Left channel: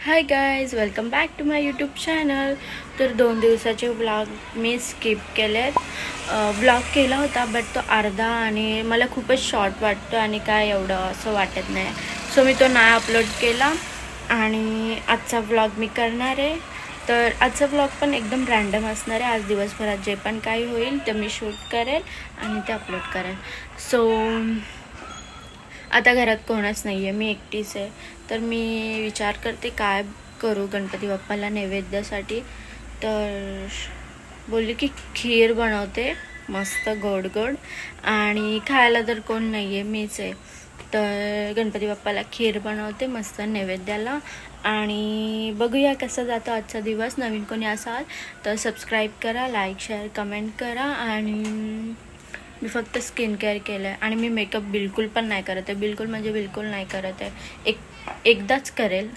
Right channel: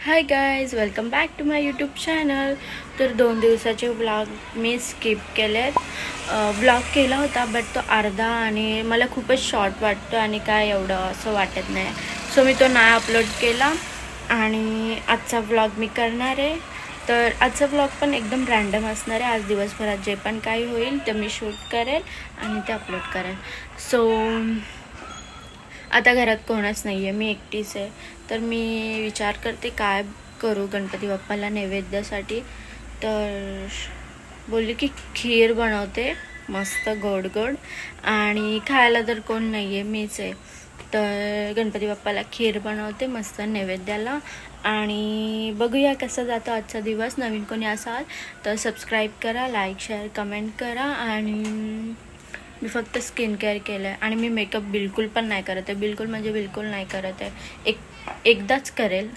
High guys, welcome back to my YouTube channel. तर 2 दिवसाचे vlog मी स्किप केलेत. व्लॉग केला होता बट तो अर्धा आणि मला खूपच शॉर्ट वाटतो आणि काय एवढं असं वाटत नाही. सो मी तो नाही अपलोड केला आणि आजचा व्लॉग मी करणार आहे. तर आजचा व्लॉग पण एकदम रँडम असणार आहे. आज दिवसभरात जे पण काही होईल ते मी शूट करेल आणि ते अपलोड करेल. सो आता घरात कोणच नाही आहे, मी एकटीच आहे. तर मी विचार करते काय करू गणपती बाप्पाला नैवेद्यासाठी. तर बोलली की खीर बनवते मस्त गोड गोड, आणि खायला तर कोण नाही आहे, मीच आहे. तर गणपती बाप्पाला खीर बनवते मस्त नैवेद्याला. आणि बघूया कसा जातो आजचा दिवस. नवीन कोणी असाल तर सबस्क्राईब करा, लाईक शेअर कमेंट करा. आणि मी फक्त स्किन केअर केलं आहे आणि मी मेकअप बिलकुल पण नाही करत आहे. बिलकुल म्हणजे बिलकुल नाही करत आहे. एकदाच करेल.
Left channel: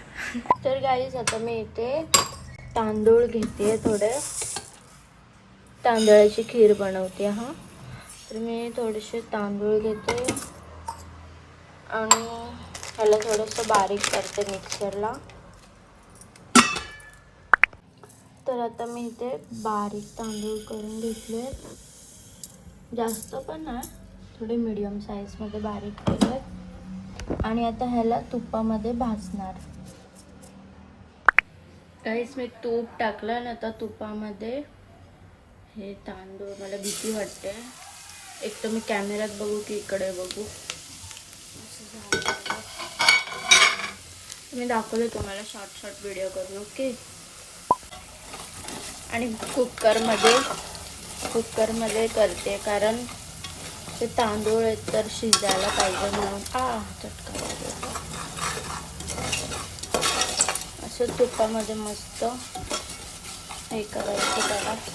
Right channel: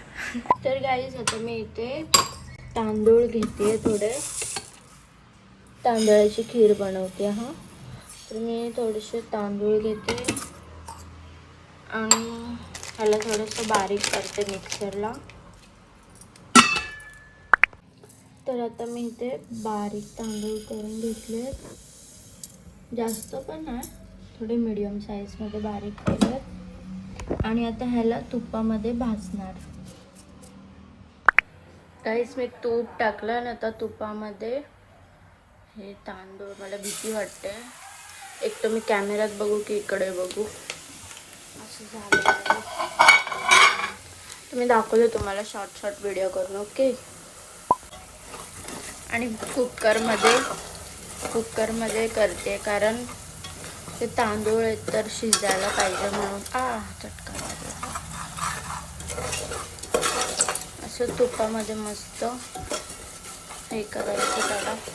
तर गाईज आता मी इथे तांदूळ घेते, थोडे तांदळाची खीर बनवते. तर मी थोडेसे तांदूळ घेते आणि ह्याला थोडंसं बारीक करते मिक्सरला. तर आता मी इथे बारीक तांदूळ करून घेतले, जास्त पण नाही, थोडे मीडियम साईजमध्ये बारीक केले. आणि आता ह्याला तुपामध्ये भाजणार. काहीच मी तूप टाकलं ना, आता तुपामध्ये हे तांदूळ, मला भीती वाटते. एक तर मी कॅमेऱ्यात बघू की इकडे बघू, असं झालं. मी दाखवले तुम्हाला शॉर्ट व्हिडिओ करून, ओके. आणि कुकरमध्ये करते कारण ते तांदूळ तर शिजायला पाहिजे. असं तुपामध्ये मस्त हे करायचं.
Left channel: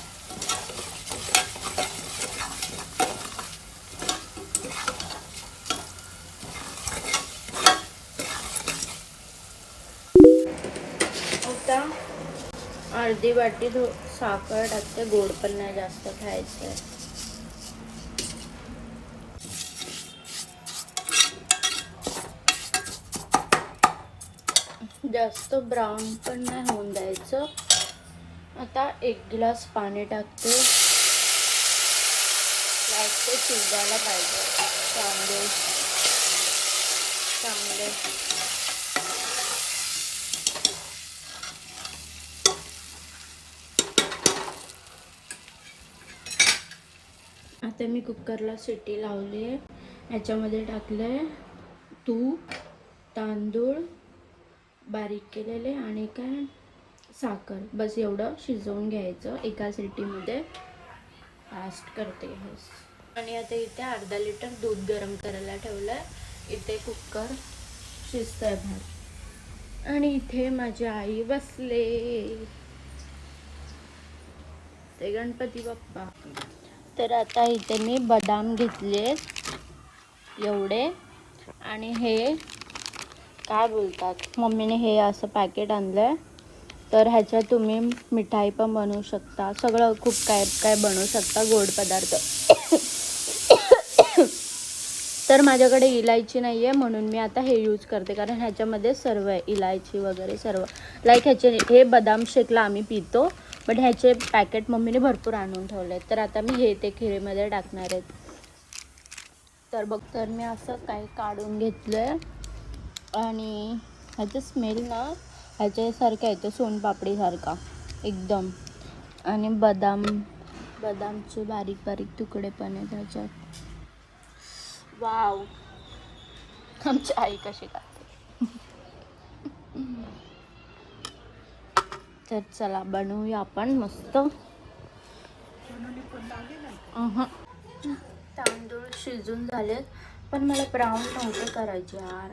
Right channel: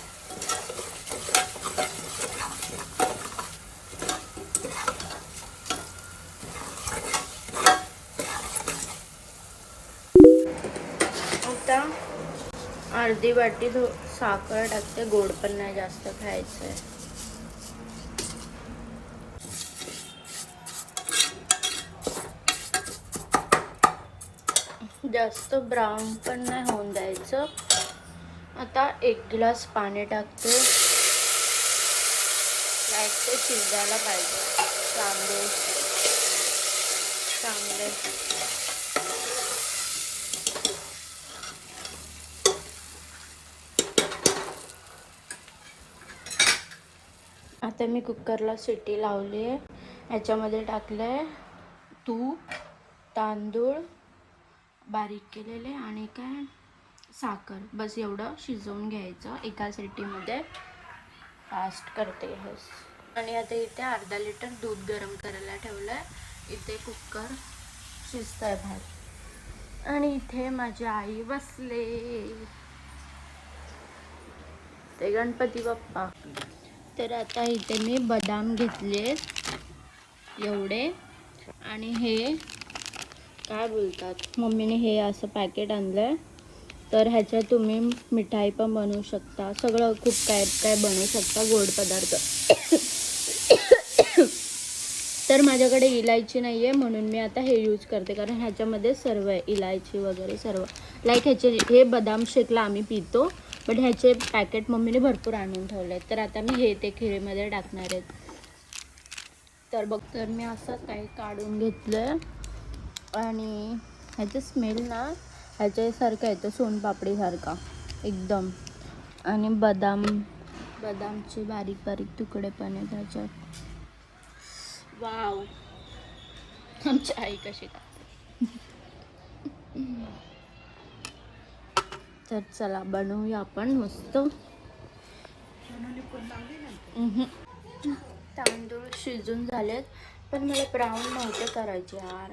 अर्धी वाटी साखर टाकते, गोड पण नाही जास्त खायचं. जास्त ब्राऊन पण नाही होऊन द्यायचं. आता 1 ग्लास पाणी टाकते. शिजायला आता मी कुकरला शिट्टी लावली आहे. ह्याच्यामध्ये टाकलं आहे तूप, तांदूळ बारीक केलेले आणि काय साखर. बस एवढं शिजवून घ्यायचं एका शिट्टीमध्ये. फास्ट करते हे. आणि आता इथे अर्धा लिटर दूध गरम करायला ठेवलं आहे. इथे कुकर शिजत आहे भात. आणि इथे माझी आई बसले, ते गणपती बाप्पा. तर आता इथे मी बदाम घेतले एवढे, आणि हे काय बोलतात, मम्मीने हे असं पॅकेट आणलं. तर ह्याच्यात तुम्ही मिठाई पण बनवू शकता, सगळं खूप काय काय बनवू शकता, गोड पदार्थ. तर माझ्याकडे इलायची नाही आहे म्हणून मी आता हे यूज करते, कारण ह्याच्यामध्ये सर्व आहे, इलायची वगैरे सर्व. लाईक हे बदाम शेकला आम्ही पितो, बट ह्याचे पॅकेट मम्मीने भरपूर आणून ठेवले आहेत. तर आता मी हे ते खिरीमध्ये टाकणार आहेत. तर मी असं काही काढून घेतलं आणि ह्याचं स्मेल ना ह्याच्यासारखा येतो, सोनपापडीसारखा एकदम. आणि बदामचे बारीक बारीक तुकडे पण आहेत ह्याच्यात. वाव, आमची आई कशी खाते. तर चला बनवूया आपण मस्त. तांदूळ शिजून झालेत, पण मला ब्राऊन नव्हते करायचे यार.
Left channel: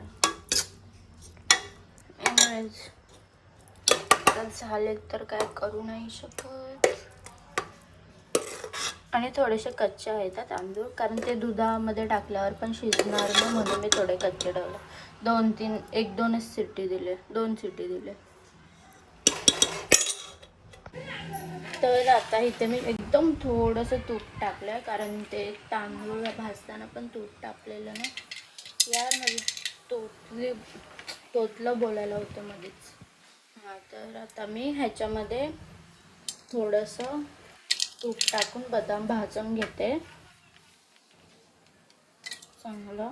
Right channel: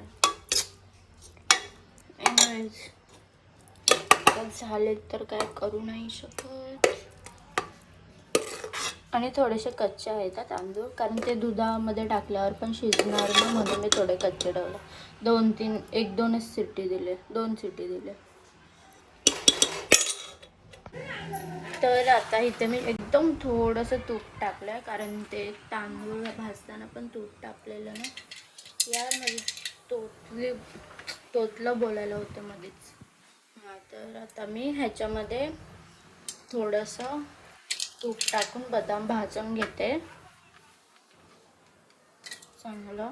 झालेत तर काय करू नाही शकत. आणि थोडेसे कच्चे आहेत तांदूळ, कारण ते दुधामध्ये टाकल्यावर पण शिजणार नाही, म्हणून मी थोडे कच्चे ठेवले. 1-2च शिट्टी दिले, 2 शिट्टी दिले. तर आता इथे मी एकदम थोडंसं तूप टाकलं, कारण ते तांदूळ भाजताना पण तूप टाकलेलं ना. यार माझी तोतलं बोलायला होतं मध्येच. आता मी ह्याच्यामध्ये थोडंसं तूप टाकून बदाम भाजून घेते चांगलं.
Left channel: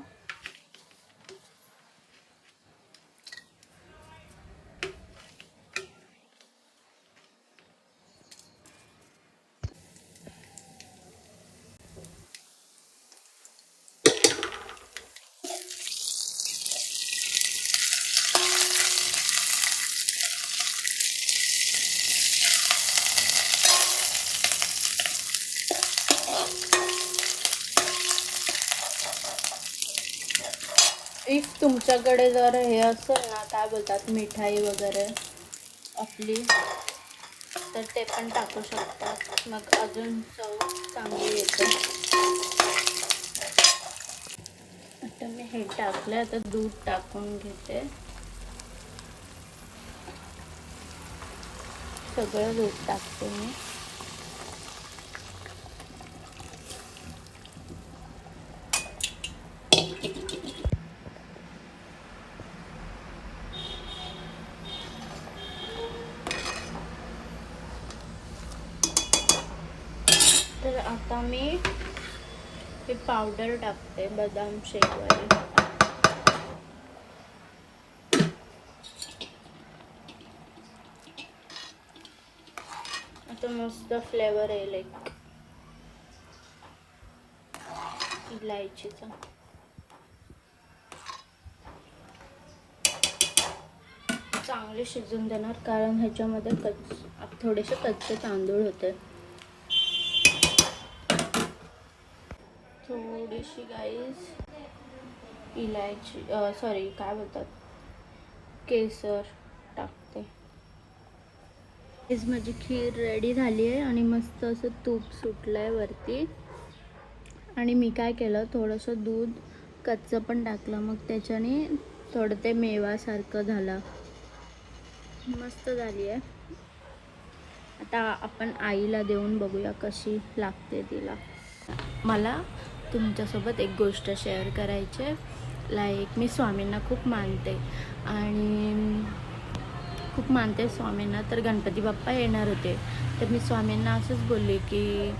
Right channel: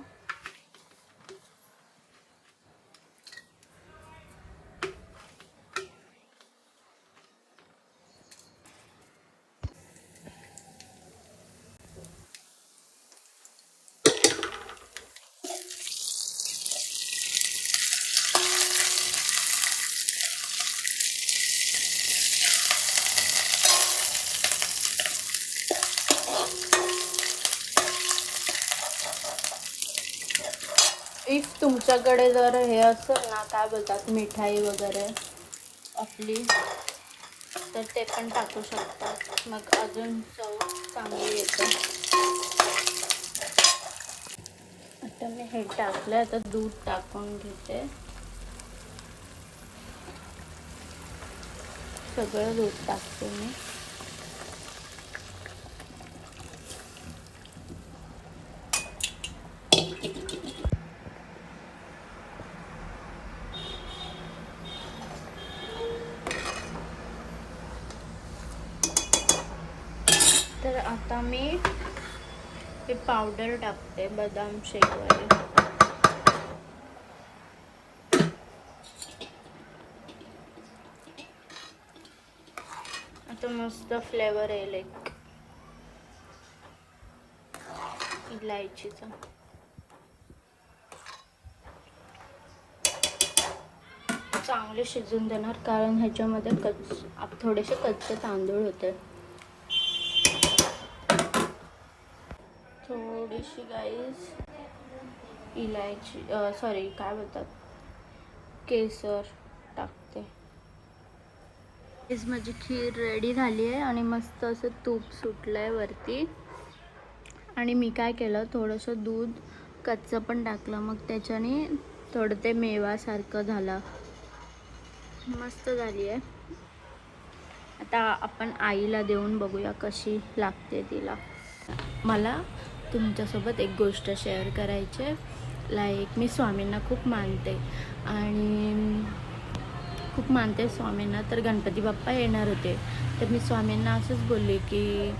इफ तुमच्याकडे जर हे असेल ना, काय बोलतात, मिठाई वगैरे आपली, तर ते पण टाकू शकतात, मग अजून चव चांगली येते. आता मी हे टाकलं, आता दूध टाकून घेते, सगळं दूध टाकते मी. पावडर टाकते बदाम शेक वगैरे. आता मस्त फ्लेवर येईल एक इलायचीचा. चांगले शिजून देणार, कारण ह्याच्यामध्ये थोडेसे कच्चे तांदूळ होते. थोडीशी गाईस इलायची सॉरी काय बोलतात केसर टाकते. माझी खीर रेडी झाली आहे आणि मस्त असं तूप सुटलं आहे वरती. आणि मी काय केलं, थोडंसं दूध कच्चं पण टाकलं, मग त्याच्याने थोडं ते मेवासारखं झालं. मस्त झाली आहे. आता आपण आईला देऊन बघूया कशी लागते तिला. मला तुमच्यासोबत एक गोष्ट शेअर करायची. लाईक मी स्वामींना खूप मानते आणि खूप मानते स्वामींना. तर गणपती बाप्पा येणार होते, तर मी स्वामींना असंच बोलले की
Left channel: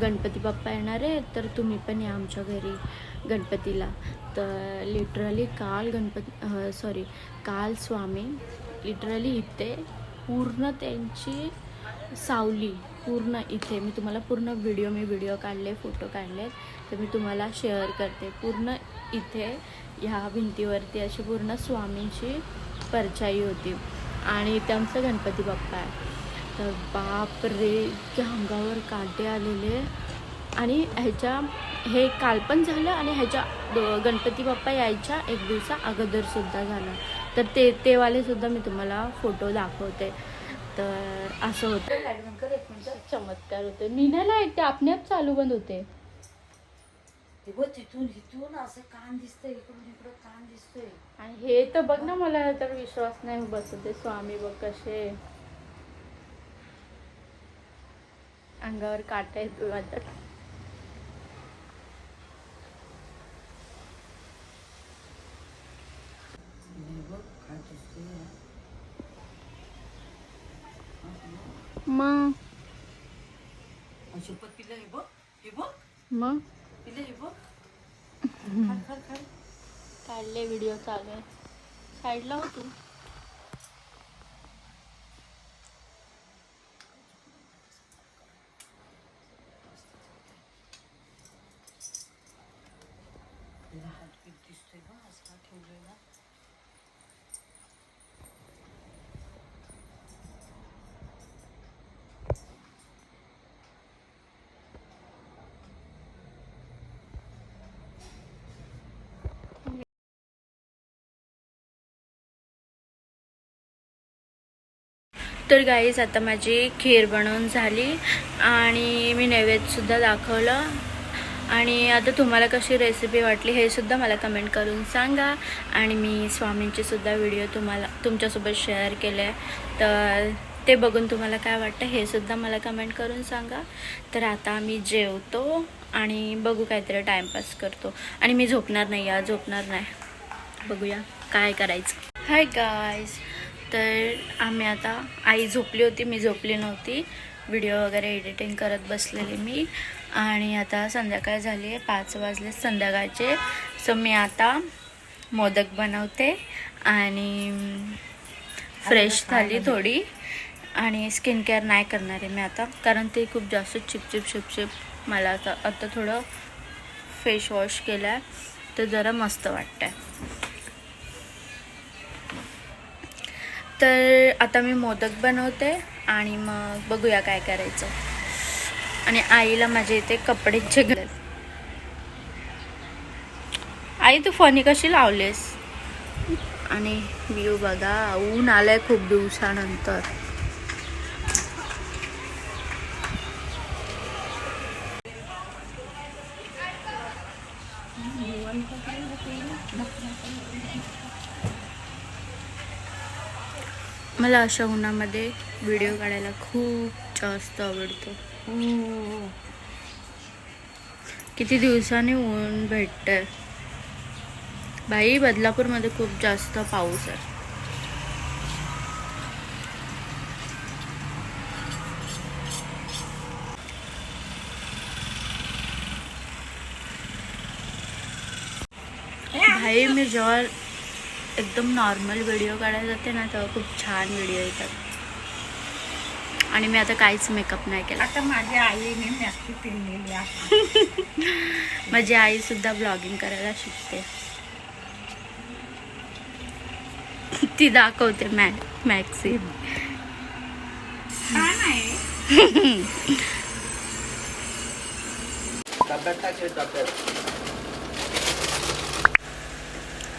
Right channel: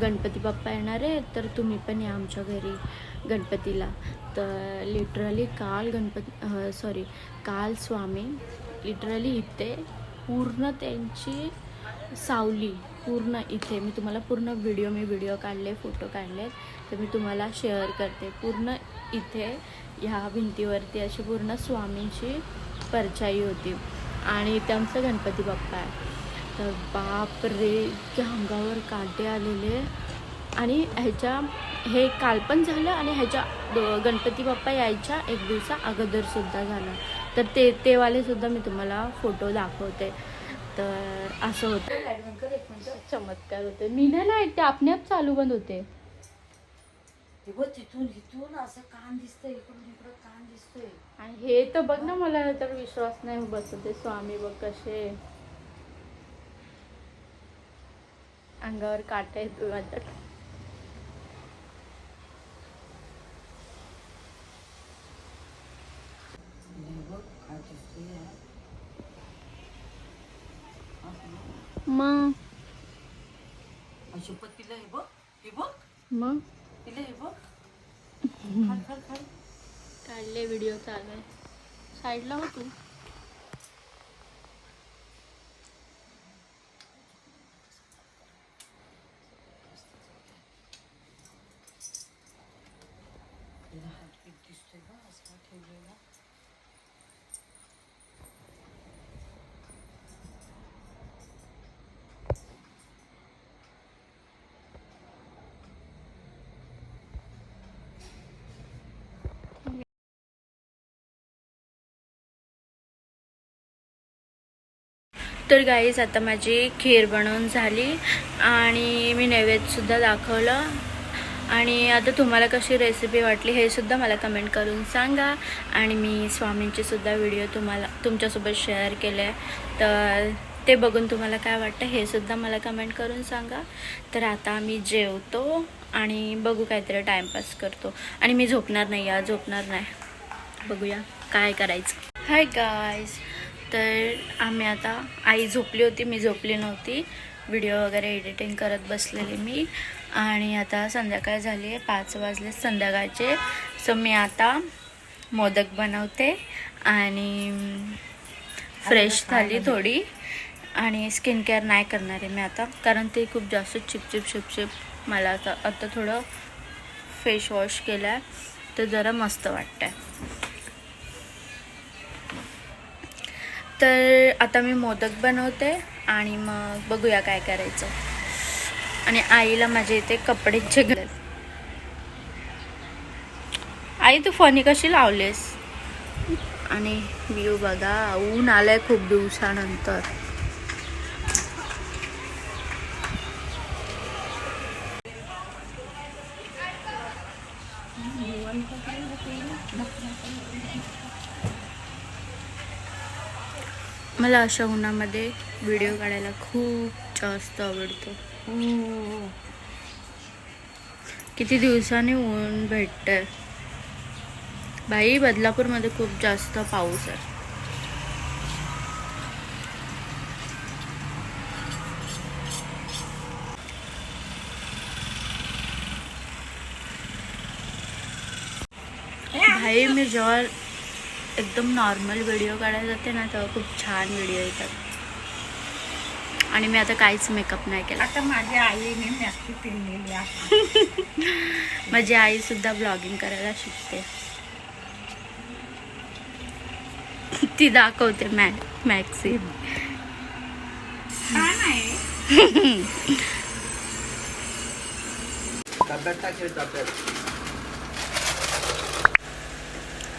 गणपती बाप्पा येणार आहे, तर तुम्ही पण या आमच्या घरी गणपतीला. तर लिटरली काल स्वामी लिटरली इथे पूर्ण त्यांची सावली पूर्ण इथे, मी तुम्हाला पूर्ण व्हिडिओ काढले, फोटो काढले, तर मी तुम्हाला शेअर करते. पूर्ण इथे ह्या भिंतीवरती अशी पूर्ण स्वामींची परछाई होती आणि इथे आमचा गणपती बाप्पा आहे. तर बाप रे, इतक्या अंगावर काटे आलेले. आणि हे काल पण झालं आणि ह्याच्या गणपती बाप्पा यायच्या एक दिवसा अगोदरसुद्धा झालं. तर ते वालेसुद्धा मी तुम्हाला फोटो दाखवते. तर असं होतं. एक मिनिट, चमत्कार होते. मी नाही, ते आपणआप चालू बंद होते. तिथून असं कान दिसतंय, इकडून कान दिसतोय. आणि हे तर बघ ना, मला तर विश्वास नाही बसत. ते स्वामी बघ कसे अंगावर काटा येतो माझ्या. मग तिला हे बघ मग तिला हे बघ. काढले, व्हिडिओ चालू आहे. साईडला हो तू. तिला हार्टबीट दिसतोय बघ असा ठेवलेला. तर गाईज आता माझी खीर बनवून झाली आणि मी नैवेद्यसुद्धा दाखवलं. आणि आता तुम्हाला कशी रेसिपी वाटली हे सुद्धा मला कमेंट करून सांगा. आणि मी स्वामींचेसुद्धा व्हिडिओ तुमच्यासोबत शेअर केले, तर ते बघून तुम्हाला काय वाटतं हे सुद्धा मला कमेंट करून सांगा. तर आता आम्ही जेवतो आणि बघू काहीतरी टाईमपास करतो. आणि मी झोपणार नाही, बघूया काय करायचं. हाय गाईज, तर आम्ही आता, आई झोपली होती, मी झोपली नव्हती, व्हिडिओ वगैरे एडिटिंग करत बसलेली मी. आणि आता संध्याकाळ झाली आहे, 5 वाजले संध्याकाळचे. सो मी आता मोदक बनवते आणि फ्रेश झाली थोडी. आणि स्किन केअर नाही करणार आहे मी आता, कारण ते खूप जास्त चिपचिप मला आता थोडं फेस वॉश केलं आहे तर जरा मस्त वाटतं आहे. तर आता मी मोदक बनवते आणि मग बघूया काय करायचं. आणि आईला माझ्या इथे कपडेचे घाल. आई तू फणी कशी लावलेस? आणि व्ह्यू बघा, ऊन आलंय खूप दिवसानंतर. मला अशा उन्हामध्ये व्हिडिओ काढायला खूप जास्त आवडतो. किती दिवसांनी ऊन भेटतंय बाई. बदलापूरमध्ये खूप जास्त पाऊस आहे. भाई मी जेव्हा एकदम नॉर्मल व्हिडिओ काढायला जाते ना तेव्हा खूप छान व्हिडिओ येतात. आणि मी आता काहीच मेकअप नाही केला. आता माझ्या आईने मॅक्सी पिळलेली आहे. माझी आई सुद्धा ब्लॉगिंग करायला शिकते. ती दाखवते मॅक्सी.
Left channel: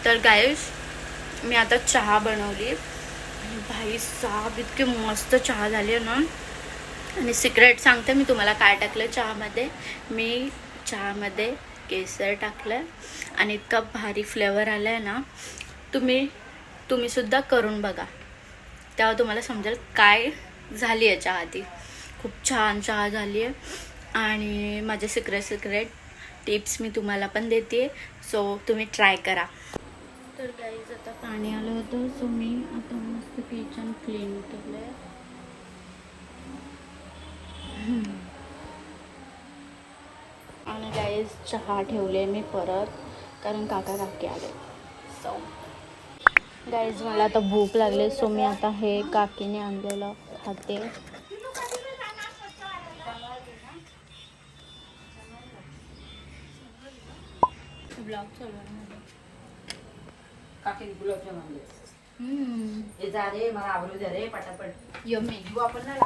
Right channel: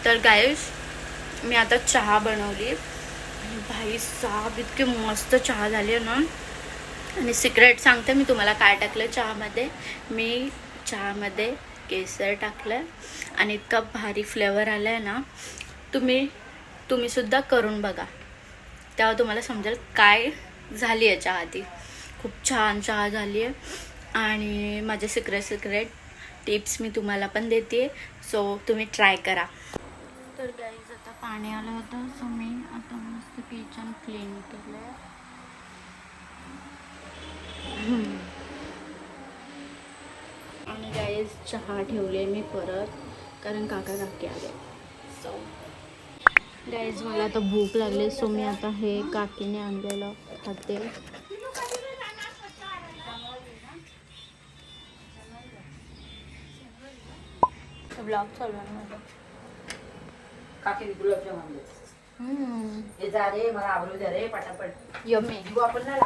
तर गाईस मी आता चहा बनवली आणि भाई साहब इतकी मस्त चहा झाली आहे ना. आणि सिक्रेट सांगते मी तुम्हाला काय टाकलं चहामध्ये. मी चहामध्ये केसर टाकलं आणि इतका भारी फ्लेवर आला आहे ना. तुम्ही सुद्धा करून बघा, तेव्हा तुम्हाला समजेल काय झाली आहे चहा. ती खूप छान चहा झाली आहे. आणि माझे सिक्रेट टिप्स मी तुम्हाला पण देते, सो तुम्ही ट्राय करा. तर गाईज आता पाणी आलं होतं, सो मी आता मस्त किचन क्लीन केलं. आणि गाईज चहा ठेवले मी परत, कारण काका काकी आले. सो गाईज मला आता भूक लागली, सो मी आता हे काकीने आणलेलं खाते. ब्लॉग चालू आहे माझा. काकी गुलाबजाम आणले. हे जा रे, मला आवडू द्या रे पटापट. यम्मी. जीव आपण नाही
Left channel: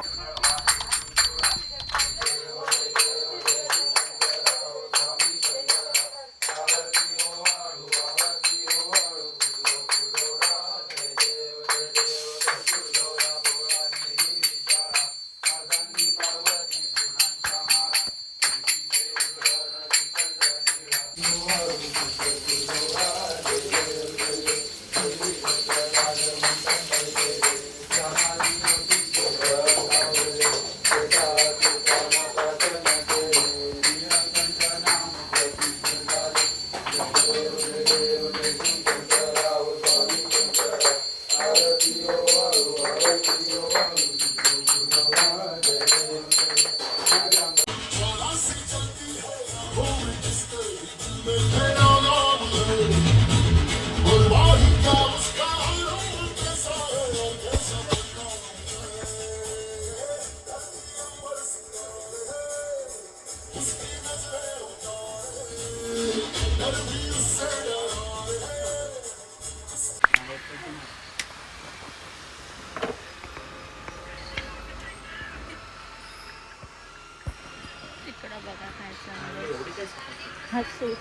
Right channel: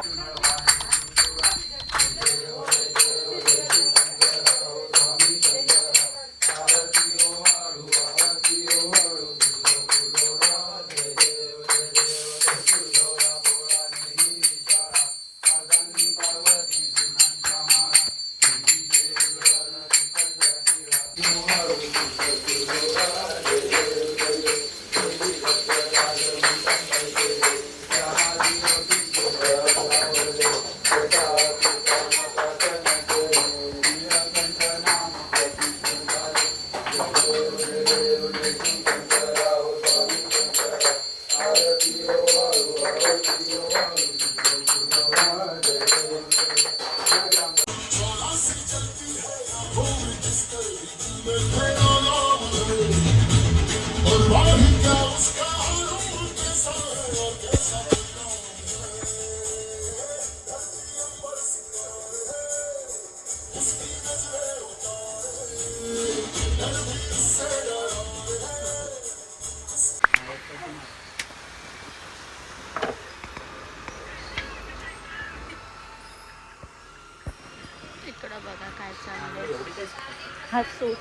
हसूस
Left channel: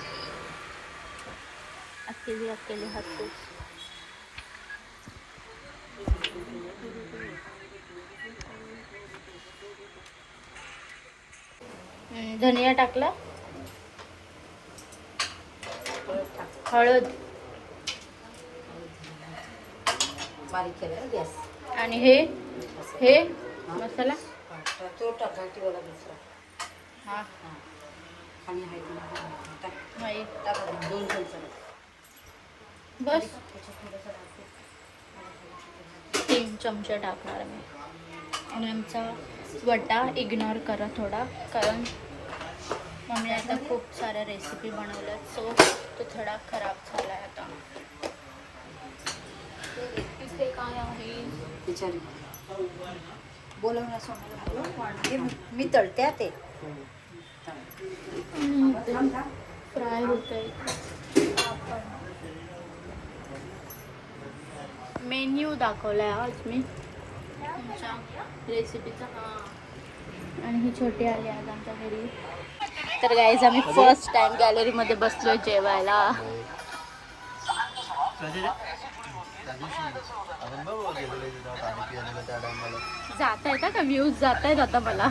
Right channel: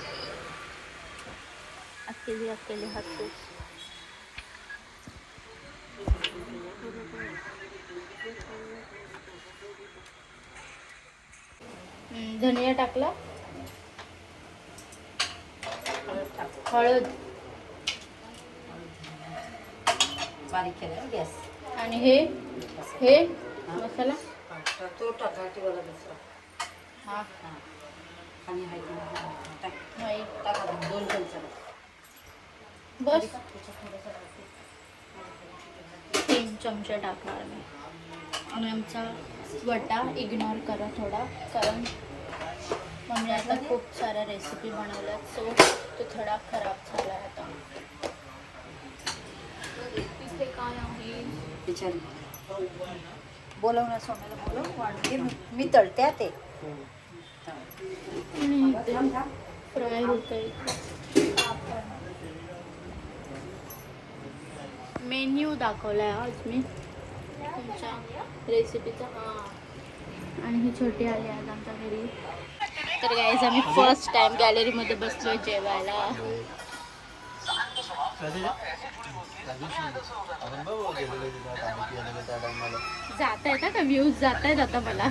अकेले हसूस. धनिया टाकला, हळद बारीक केलं गॅस. आणि हे मसाला तो टाकायची वाला दुसरा. आणि टाका 2 चमचे बस. 3 चमचे टाकणार मी. आणि आमचा वटा इग्नोर करा थोडा, कारण मम्मी आता खूप साऱ्या रेसिपी बनवल्यात, सो तो थोडा खराब झाला आता. तिथे काय आहे? बोलवणार सोनाला बोलव, मी तळते ते. फ्राय होत आहे. मेन्यू दाखवलाय आज मी तुमच्या रेसिपीचा. आणि ही छोटी आली आज आमच्या घरी. तर गाईज आम्ही फर्स्ट टाइम गॅलरीमध्ये बसलोय जेवायला. जात आहेत का व्ह्यूज जात आहेत आता मला.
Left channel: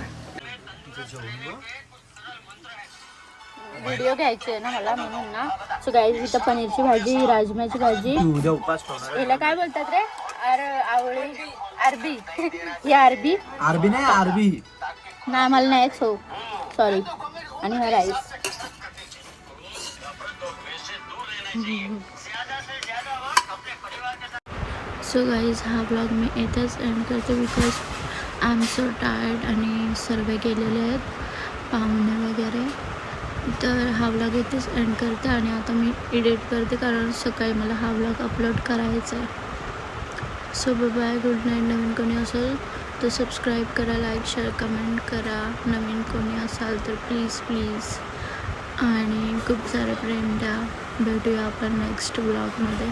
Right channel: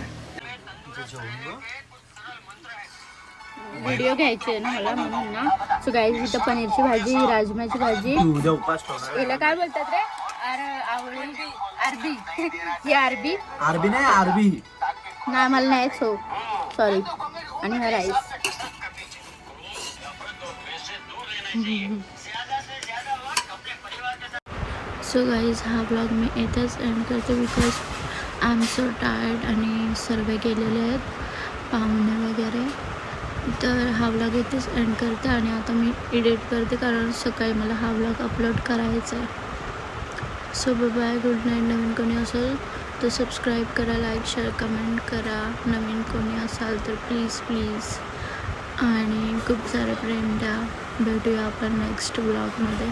व्हिडिओ घ्यायचे आहे ना मला, म्हणून ना. सो गाईज इथं पनीरची भाजी, राजमाची भाजी, याला काय बोलतात रे, आवळी, अरबी. ही अरबी नाही, मला नाहीच हो, सॉरी. आणि हा राईस. सो गाईज हा ब्लॉग मी इथंच एंड करते, because I am so tired आणि सर्व गेलेले आहेत पाहुणे वगैरे. तर हा ब्लॉग इथेच एंड करते आणि आता मी एडिट करते, कारण सकाळी मला हा ब्लॉग अपलोड करायचा आहे. So bye, good night. नवीन कोणी असेल तर सबस्क्राईब करा, लाईक, शेअर, कमेंट करा. नवीन कोणी असाल तर प्लीज आणि खूप सारं प्रेम द्या. भेटूया आपण नेक्स्ट ब्लॉगमध्ये.